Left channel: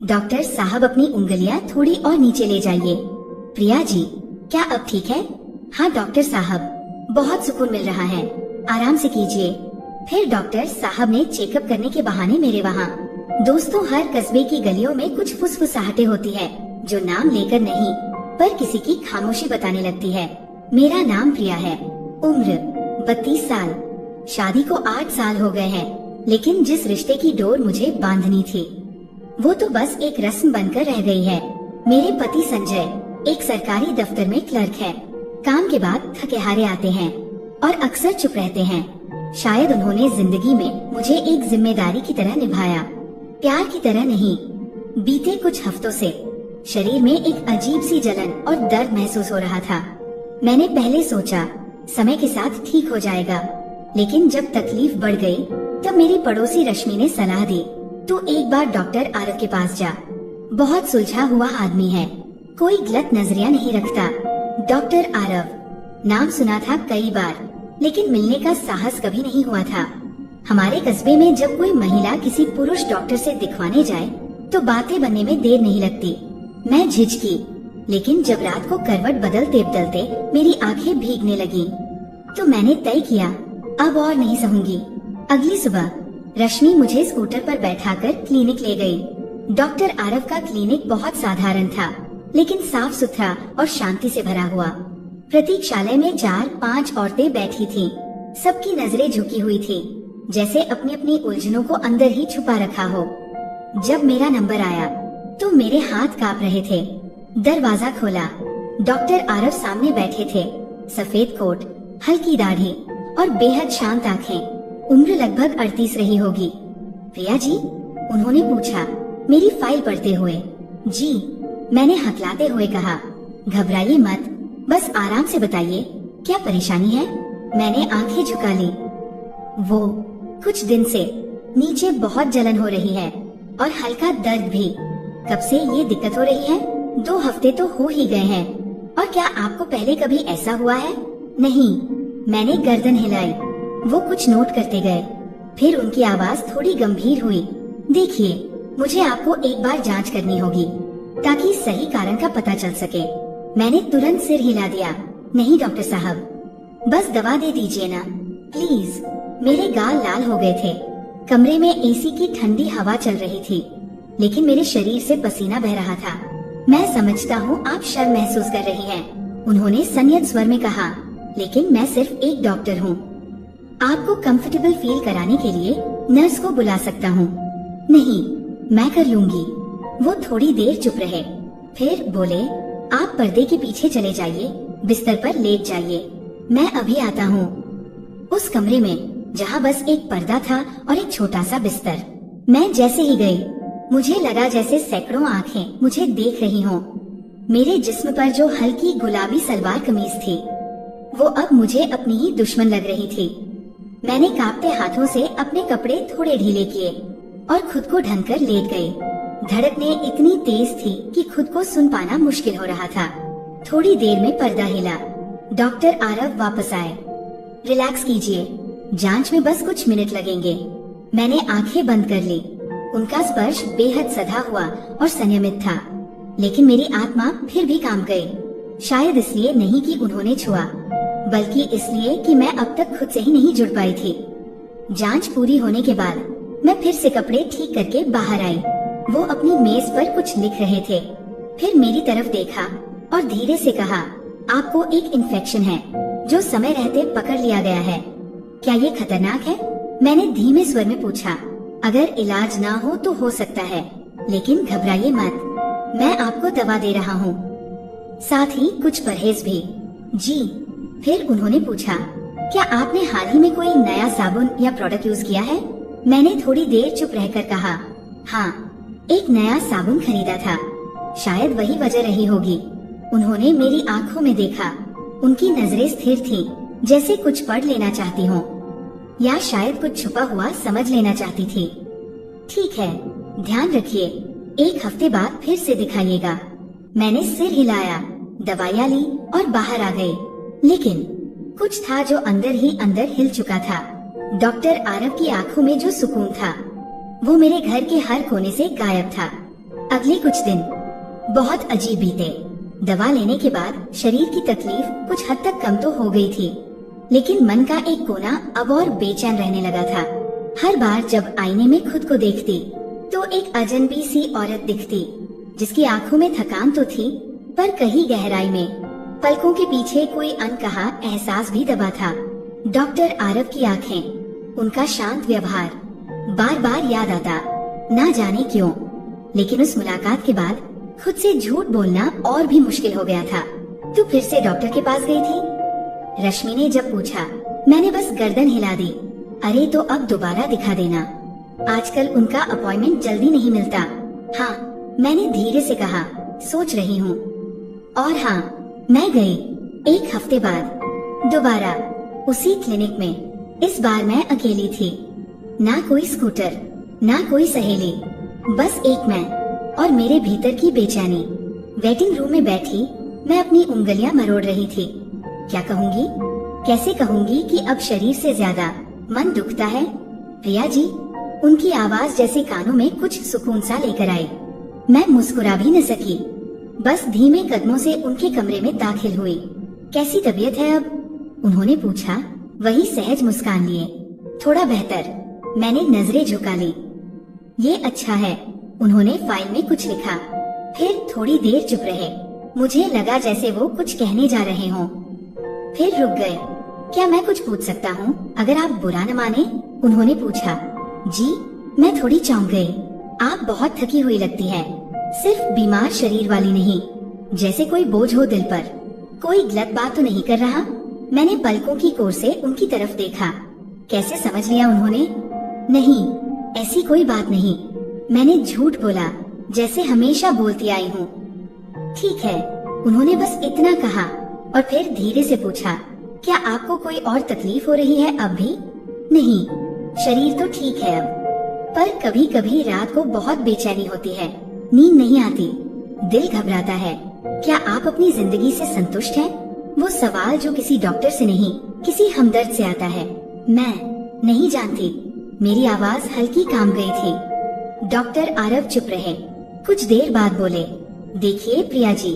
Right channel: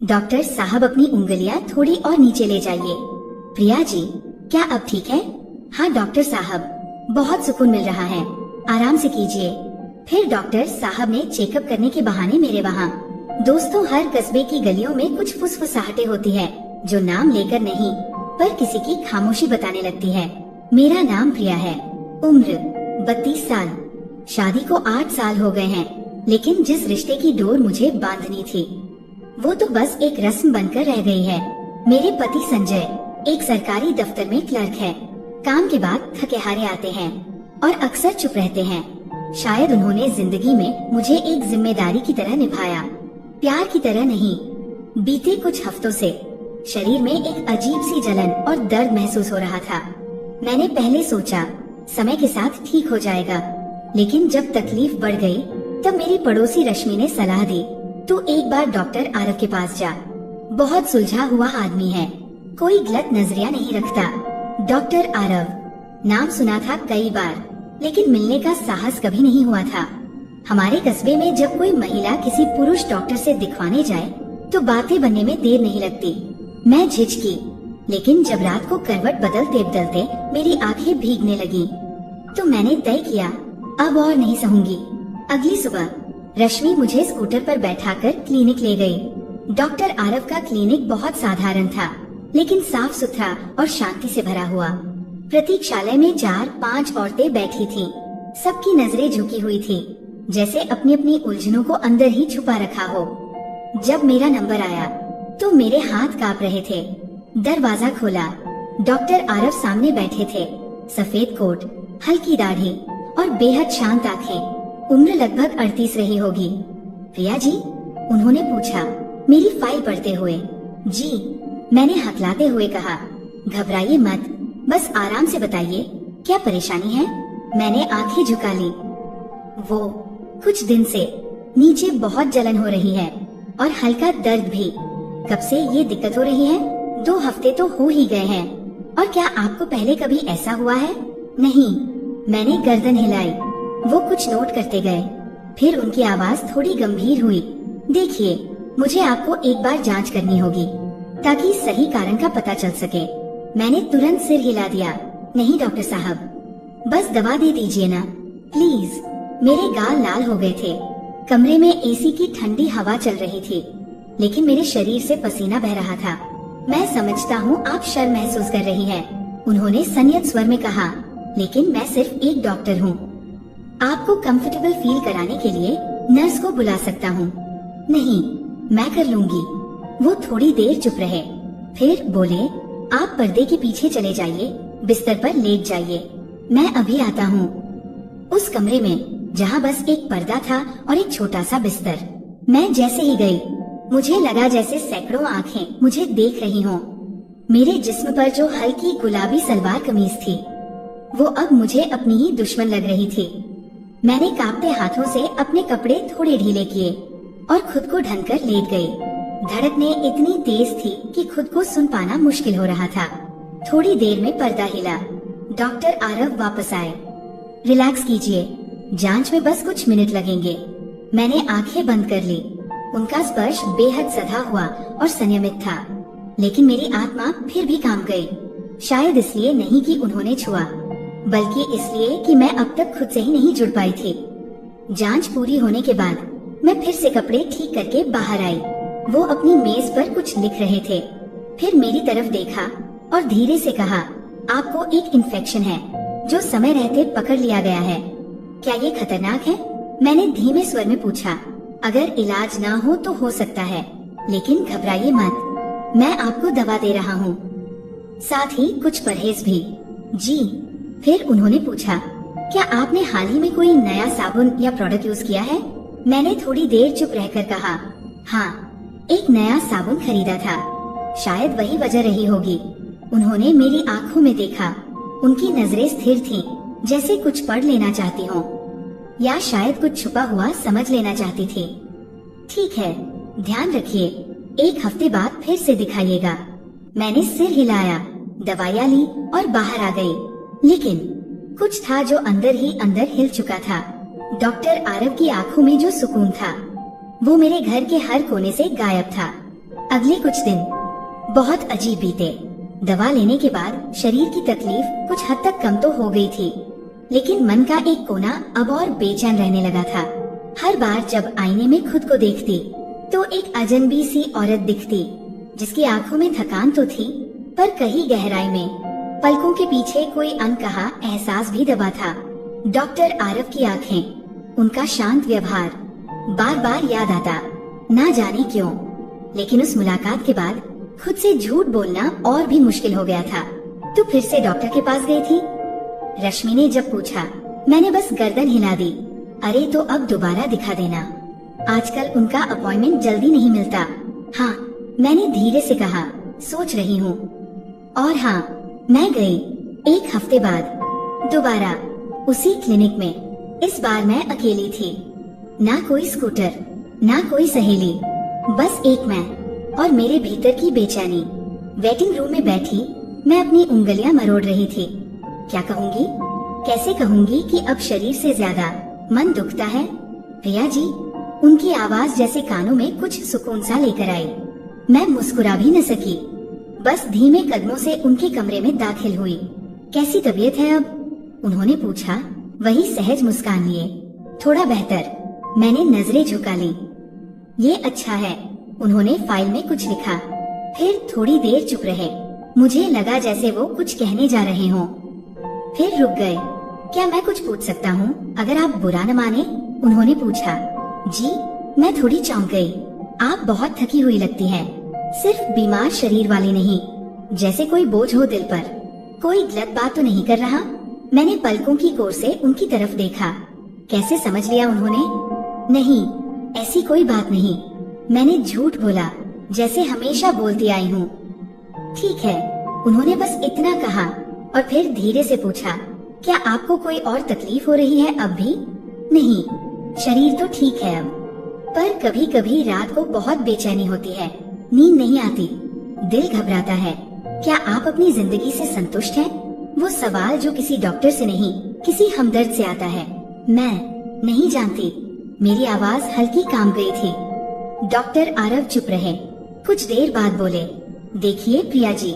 Doctor साहब अपनी उंगलियां थोड़ी और नीचे ले जाइए। प्रिया जी, क्या अब ठीक है? हाँ डॉक्टर साहब, बहुत सुकून मिल रहा है, आराम से कीजिए। फिर डॉक्टर साहब ने चेकअप करने के बहाने मेरे वहाँ। दोस्तों, हर कस्बे की गलियों में कुछ फुसफुसाहटें होती है जो नाम लेकर नहीं पर किसी की खामोशी बताने लगती है। मेरा नाम प्रिया है, उम्र 32 साल, शादी को 8 साल हो गए हैं, लेकिन जिस रिश्ते की डोर मुझे बांधनी थी वो तो बस एक रस्म बनकर रह गई है। मेरे पति संजय एक सरकारी दफ्तर में क्लर्क है। काम के बाद थके हारे आते हैं और अक्सर चुप रहते हैं। शायद उन्होंने जिंदगी में मुझे एक जिम्मेदारी की तरह निभाया, प्यार की तरह नहीं। बीते कुछ हफ्तों से शरीर में एक अजीब सी जलन और दर्द महसूस हो रहा था। मैंने पहले सोचा समय के साथ ठीक हो जाएगा, लेकिन जब तकलीफ बढ़ गई तब मेरी पड़ोसी रश्मि ने सलाह दी, तू एक बार डॉक्टर आरव के पास जा। बहुत सुलझा हुआ आदमी है, कोई गलत नजरिया नहीं रखता। डॉक्टर आरव, नाम सुना था कई बार, लेकिन मिलने का साहस कभी नहीं हुआ था। हमारे कस्बे में जब कोई महिला किसी पुरुष डॉक्टर से दिखवाने जाए तो बातें बनने में देर नहीं लगती। मैं झिझकी, लेकिन जब रात को करवट बदलते बदलते मेरी आंखें भीगने लगी तो मैंने तय किया अब और नहीं सहूंगी। अगली सुबह रश्मि मुझे स्कूटर पर बैठाकर क्लिनिक ले गई। डॉक्टर आरव का क्लिनिक बहुत साधारण था, लेकिन साफ सुथरा और शांति से भरा हुआ। प्रतीक्षालय में 4-5 औरतें बैठी थीं। सबकी नजरें झुकी हुई थीं, जैसे अपनी अपनी उलझनों को अंदर ही छुपा रखा हो। जब मेरा नंबर आया तो मेरे हाथ कांप रहे थे। दरवाजा खोला, डॉक्टर आरव सामने बैठे थे। सफेद कोट, हल्की दाढ़ी और बेहद शांत आंखें। उम्र लगभग 38 रही होगी। प्रिया जी, उन्होंने पूछा मेरी फाइल पढ़ते हुए। जी, मैंने हकलाते हुए कहा। घबराइए मत, बस आराम से बताइए क्या परेशानी है। मैंने आंखें झुका ली। वो कुछ दिन से नीचे बहुत जलन हो रही है और हल्का दर्द भी। कब से ये दिक्कत हो रही है? 2 हफ्ते तो हो ही गए हैं। और क्या आपको पहले कभी ऐसा हुआ है? नहीं। मैंने गर्दन हिलाई। वो कुछ नोट करते गए, फिर उनकी आवाज थोड़ी गंभीर हुई। देखिए, मुझे आपको एक बार जांच करनी होगी ताकि सही कारण का पता चल सके। मैंने तुरंत सिर हिला दिया। नहीं डॉक्टर साहब, बस दवा दे दीजिए ना प्लीज। मेरे गाल लाल हो गए थे। कमरे में एसी की ठंडी हवा चल रही थी, लेकिन मेरे शरीर से पसीना बह रहा था। मैं समझता हूँ आप शर्म महसूस कर रही हैं, उन्होंने संयत स्वर में कहा, लेकिन मैं सिर्फ एक डॉक्टर हूँ। आपको कंफर्टेबल फील कराने के लिए नर्स को बुला सकता हूँ। नहीं, मैं कर लूंगी। वो थोड़ी देर चुप रहे, फिर बोले, आप पर्दे के पीछे चले जाइए, बिस्तर पर लेट जाइए, मैं अभी आता हूँ। उस कमरे में जहाँ बस एक पर्दा था और एक छोटा सा बिस्तर, मैं जैसे ही गई मुझे लगा जैसे सैकड़ों आंखें मुझे देख रही हों। मेरे जिस्म पर जो हल्की गुलाबी सलवार कमीज थी वो अब मुझे अपनी ही दुश्मन लग रही थी। मैंने कांपते हाथों से अपने कपड़े थोड़े ढीले किए और खुद को ढककर लेट गई। धड़कनें इतनी तेज थी कि खुद को सुन पाना मुश्किल हो रहा था। थोड़ी देर में पर्दा हिला। डॉक्टर आरव वापस आए। रिलैक्स कीजिए, जांच में बस कुछ मिनट लगेंगे। मैंने आंखें बंद कर ली। उनका स्पर्श बेहद सधा हुआ और संयमित था, लेकिन मेरी आत्मा फिर भी कांप गई। शायद इसलिए नहीं कि उन्होंने छुआ, बल्कि इसलिए कि मैं अब तक खुद से ही नहीं जुड़ पाई थी। जांच पूरी होने के बाद मैं फिर से कपड़े ठीक करके बाहर आई। वो अपनी मेज पर कुछ लिख रहे थे। फिर मेरी तरफ देखा और धीरे से कहा, आपको एक इन्फेक्शन है जो समय रहते पकड़ लिया गया है। क्या ये खतरनाक है? मैंने धीमे स्वर में पूछा। अगर इलाज ना हो तो हो सकता है, लेकिन घबराइए मत, मैं आपको दवा दे रहा हूँ, साथ ही कुछ परहेज भी। जी। फिर उन्होंने पूछा, क्या आपने हाल ही में कोई नया साबुन या प्रोडक्ट यूज किया है? मैंने थोड़ी देर चुप रहकर कहा, हाँ, एक नया साबुन खरीदा था। शायद वही वजह रही होगी। उन्होंने मेरी आंखों में देखा। उनकी नजरें स्थिर थीं, जैसे कुछ पढ़ लेना चाहती हों, या शायद कुछ छुपा हुआ समझ लेना चाहती थी। ठीक है, ध्यान रखिए, 1 हफ्ते बाद फिर से दिखाइएगा। मैंने सिर हिलाया, दवाइयाँ ली और बाहर आ गई। लेकिन कुछ था जो अंदर ही अंदर हिल चुका था। डॉक्टर आरव की आंखों में जो सुकून था वो मेरे घर के हर कोने से गायब था। अगले कुछ दिन बहुत अजीब बीते। दवा लेने के बाद शरीर की तकलीफ कुछ हद तक कम तो हो गई थी, लेकिन मन का एक कोना अब और बेचैन रहने लगा था। हर बार जब आईने में खुद को देखती तो एक अजनबी सी औरत दिखती, जिसकी आंखों में थकान तो थी, पर कहीं गहराई में पलकों के पीछे कोई अनकहा एहसास भी दबा था। डॉक्टर आरव की आंखें, उनका शांत व्यवहार बार बार याद आता, ना जाने क्यों। लेकिन उस मुलाकात के बाद खुद से झूठ बोलना और भी मुश्किल हो गया था। तू फिर से डॉक्टर के पास गई थी? रश्मि ने जब पूछा, मैंने बस गर्दन हिला दी। अरे तो अब दोबारा दिखा देना, आजकल उनका अपॉइंटमेंट जल्दी नहीं मिलता। हाँ, मैंने धीरे से कहा, सोच रही हूँ। और हाँ, मैं गई 1 हफ्ते बाद दोबारा उसी क्लिनिक में। इस बार मैं अकेली थी, ना कोई स्कूटर, ना कोई सहेली, बस एक मैं और मेरे भीतर की बेचैनी। वेटिंग रूम में बैठी मैं अपनी उंगलियां मरोड़ रही थी। क्या कहूँगी, कैसे कहूँगी कि अब शरीर से ज्यादा मन दुखता है। प्रिया जी, उनकी आवाज जैसे कानों में कुछ सुकून सा लेकर आई। मैं मुस्कुरा भी न सकी, बस धीमे कदमों से उनके कमरे में दाखिल हुई। कैसी तबीयत है अब? उन्होंने पूछा, वही सहज मुस्कान लिए। थोड़ा बेहतर, मैंने नजरें झुका ली। ये अच्छा है। उन्होंने फाइल में कुछ लिखा, फिर थोड़ी देर चुप रहे। मुझे लगा जैसे वो कुछ कहने जा रहे हों, फिर रुक गए। क्या मैं कुछ पूछ सकता हूँ, अगर आप बुरा न माने? उन्होंने पूछा। जी, मैं थोड़ी चौंक गई। आप बहुत थकी हुई लगती हैं, सिर्फ बीमार शरीर वाली नहीं, जैसे कोई बोझ हो दिल पर। कोई गलत बात तो नहीं कर रहा? मैंने पलकों की कोर से उनकी तरफ देखा। कैसे समझ लिया उन्होंने? नहीं, ऐसी कोई बात नहीं। मैंने झूठ बोला, जैसे हमेशा बोलती आई हूँ। ठीक है, उन्होंने बस इतना कहा और फिर धीरे से पूछा, क्या आपको कोई और तकलीफ हो रही है अब भी? नहीं, शरीर तो ठीक है अब, पर कभी कभी रात को बहुत बेचैनी होती है, नींद नहीं आती, दिल घबराता है। क्या आप अपनी जिंदगी से संतुष्ट हैं? वो सवाल जो किसी डॉक्टर से नहीं, किसी हमदर्द से आता है। मैं नहीं जानती। मेरी आवाज हल्की काम गई थी। डॉक्टर आरव चुप रहे। कुछ देर बाद बोले, देखिए प्रिया जी,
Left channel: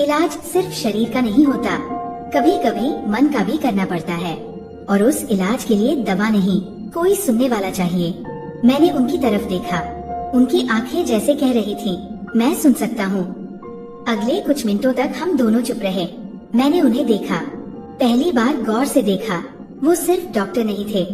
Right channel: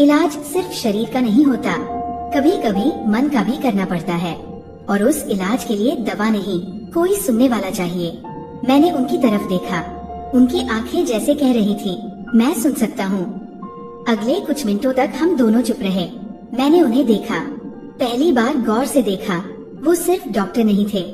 इलाज सिर्फ शरीर का नहीं होता, कभी कभी मन का भी करना पड़ता है, और उस इलाज के लिए दवा नहीं, कोई सुनने वाला चाहिए। मैंने उनकी तरफ देखा, उनकी आंखें जैसे कह रही थी, मैं सुन सकता हूँ। अगले कुछ मिनटों तक हम दोनों चुप रहे। मैंने उन्हें देखा, पहली बार गौर से देखा। वो सिर्फ डॉक्टर नहीं थे,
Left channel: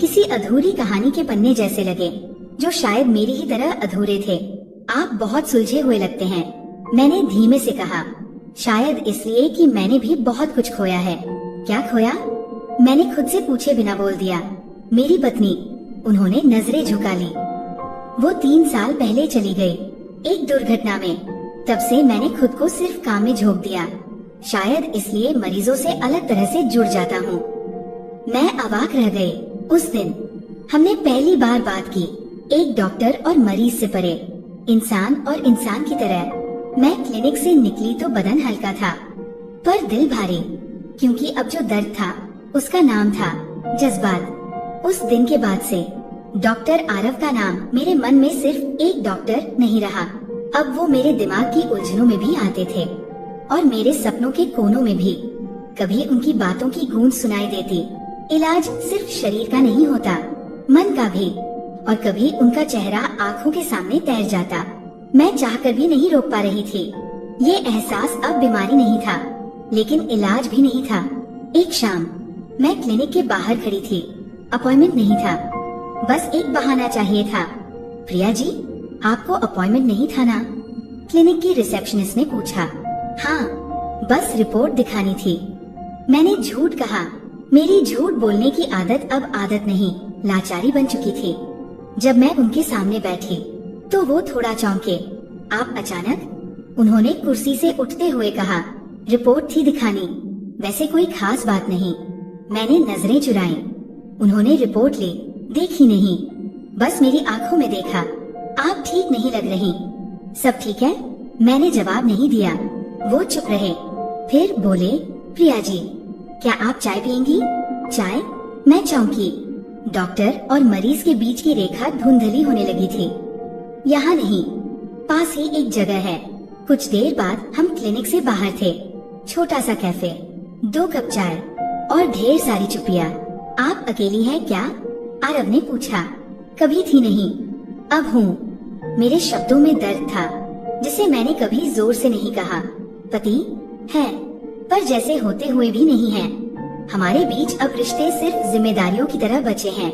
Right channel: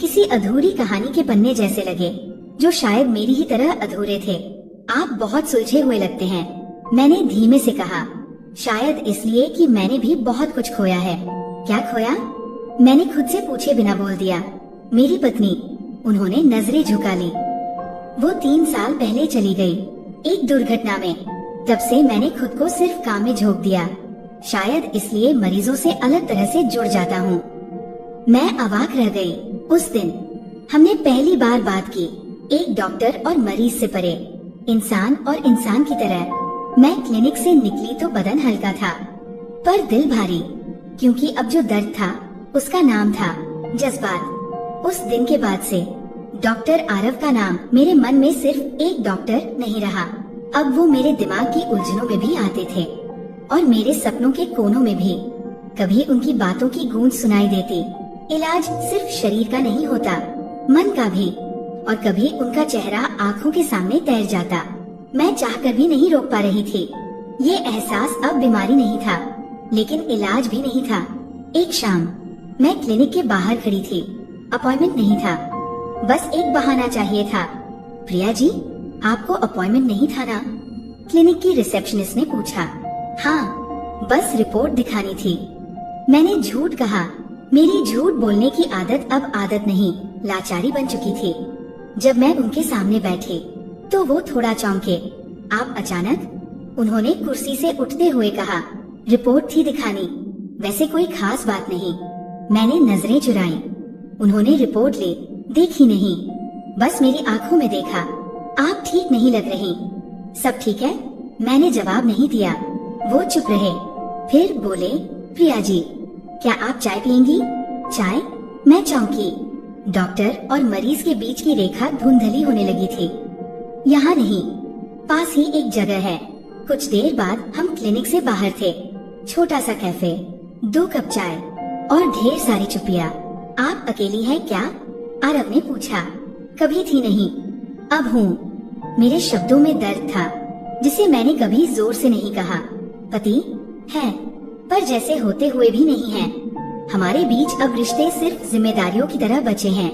किसी अधूरी कहानी के पन्ने जैसे लगे, जो शायद मेरी ही तरह अधूरे थे। आप बहुत सुलझे हुए लगते हैं, मैंने धीमे से कहा, शायद इसलिए कि मैंने भी बहुत कुछ खोया है। क्या खोया? मैंने खुद से पूछे बिना बोल दिया, मेरी पत्नी। उन्होंने नजरें झुका ली। वो 3 साल पहले चली गई, एक दुर्घटना में। तब से मैंने खुद को सिर्फ काम में झोंक दिया, शायद इसलिए मरीजों से अलग तरह से जुड़ जाता हूँ। मैं अवाक रह गई। उस दिन हमने पहली बार बात की, एक डॉक्टर और मरीज से परे, इंसान और इंसान की तरह। मैं क्लिनिक से निकली तो बदन हल्का था, पर दिल भारी, क्योंकि अब जो दर्द था उसका नाम था जज्बात। उस दिन के बाद से डॉक्टर आरव का नाम मेरे मन में सिर्फ एक डॉक्टर नहीं रहा, अब वो मेरे दिमाग की उलझनों में भी आते थे और मेरे सपनों के कोनों में भी। कभी उनकी बातों की गूंज सुनाई देती। इलाज सिर्फ शरीर का नहीं होता, मन का भी। और कभी उनका चेहरा आंखों के सामने तैर जाता। मैं चाहकर भी नहीं रोक पा रही थी। ये एहसास अब बीमारी नहीं था, लेकिन इलाज भी नहीं था। एक शाम मैं क्लिनिक के बाहर खड़ी थी, अपॉइंटमेंट नहीं था, बस एक बहाना चाहिए था। प्रिया जी, आपको अपॉइंटमेंट नहीं था ना? क्लिनिक की रिसेप्शनिस्ट ने पूछा। हाँ, बस रिपोर्ट दिखानी थी। मैंने झूठ कहा। मेरी झूठ बोलने की आदत अब आदत नहीं, लाचारी बन चुकी थी। जब मैं उनके सामने बैठी तो वो थोड़ा चौंके। आप अचानक? उन्होंने कुर्सी से उठते हुए कहा। रिपोर्ट थी दिखानी, वैसे कोई खास बात नहीं। मैंने नजरें चुराई। उन्होंने रिपोर्ट ली, देखी नहीं, बस मेरी आंखों में देखा। आप ठीक नहीं लग रही। सब ठीक है? मैंने जवाब नहीं दिया। वो चुप रहे, फिर बोले, प्रिया जी, क्या आप चाय पियेंगी? चाय? मैं चौंकी। डॉक्टर और मरीज के बीच की रेखा धुंधली होने लगी थी। यहाँ नहीं। पास ही एक जगह है। कुछ देर बाद हम क्लिनिक से बाहर थे। छोटा सा कैफे, 2 कप चाय और ढेर सारी चुप्पियाँ। आप अकेली है क्या? आरव ने पूछा। कभी थी नहीं, अब हूँ। मेरे शब्दों में दर्द था जिसे मैंने कभी जोर से नहीं कहा। पति है, पर जैसे होते हुए भी नहीं है। हमारे बीच अब रिश्ते सिर्फ जिम्मेदारियों की तरह बचे हैं।